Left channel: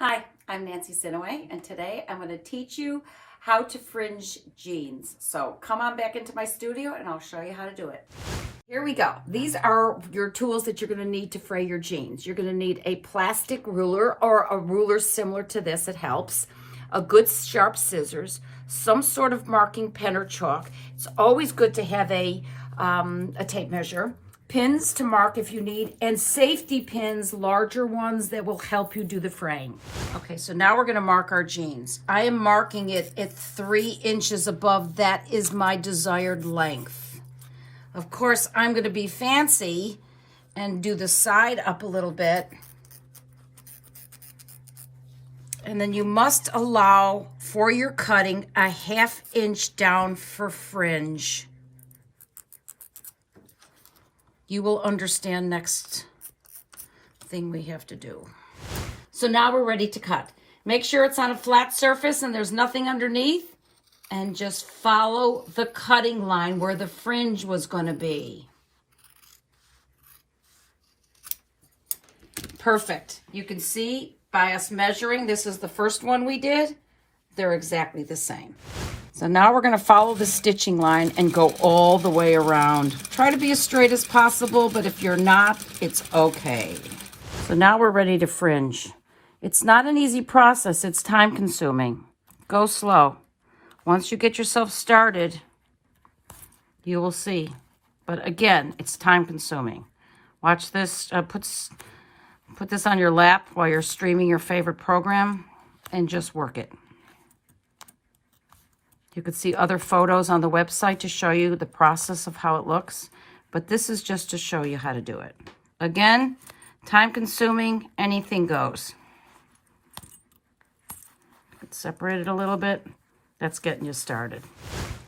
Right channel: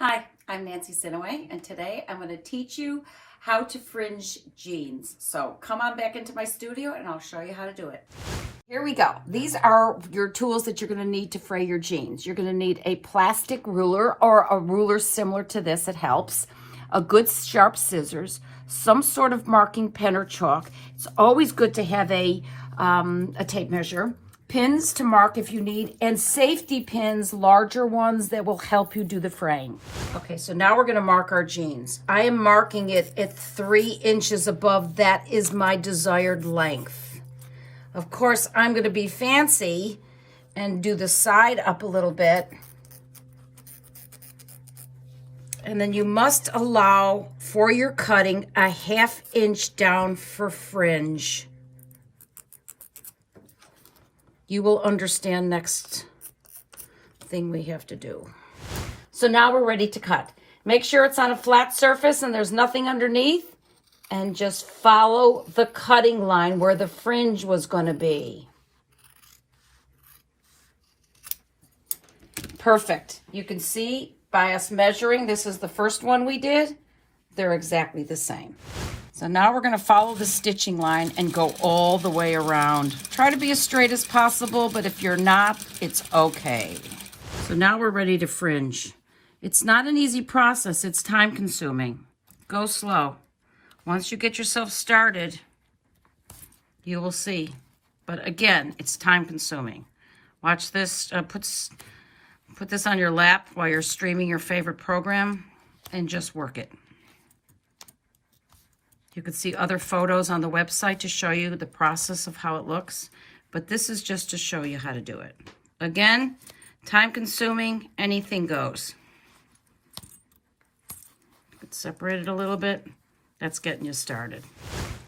Hi, I'm Nancy Sinoway, and today I'm going to teach you how to fringe jeans. So come on back into my studio and I'll show you how to do it. Here we go. These are your tools that you're going to need to fray your jeans. You're going to need a plastic ruler or a ruler similar to this. It helps. A good sharp scissors, some sort of marking pen or chalk. It's always good to have a tape measure. Pins to mark if you need, and safety pins, larger ones that will help you do the fraying. Okay, so now we're gonna mark our jeans. I am marking it at 3 inches above. That is my desired length. Of course, I'm gonna be fancy and do the side up a little bit. And then you must allow for your cutting a 1/2 inch down for fringe. You will understand next thing we have to do. So now we're ready to cut. Make sure it's on a flat surface and there's nothing underneath, and just follow the cutting line where the fringe was going to be. Perfect. You can see by us measuring, this is the first one we did. They're exactly the same. So now we're going to follow the stitching line and go all the way around. Try to be as straight as possible, but if you're not, it's okay. So now we're ready to fringe. It's not an easy process. It's time consuming. Go slow. Once you get yourself started, you will see. But again, it's time consuming. Watch this. Put this on your lap while you're streaming your favorite program and just work it. You could see other photos on the website to show you the process of how it looks, but this is just to show you how to do it. Again, time consuming, anything goes. Separate it a little bit. That's getting you started.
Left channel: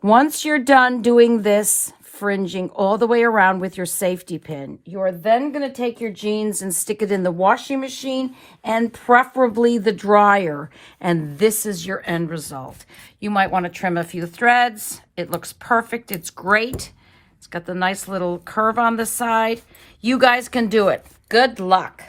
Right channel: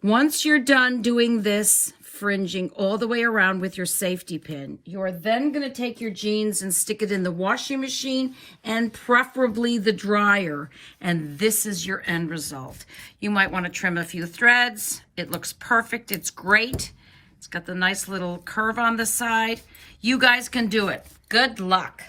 Once you're done doing this fringing all the way around with your safety pin, you're then going to take your jeans and stick it in the washing machine and preferably the dryer. And this is your end result. You might want to trim a few threads. It looks perfect. It's great. It's got the nice little curve on the side. You guys can do it. Good luck.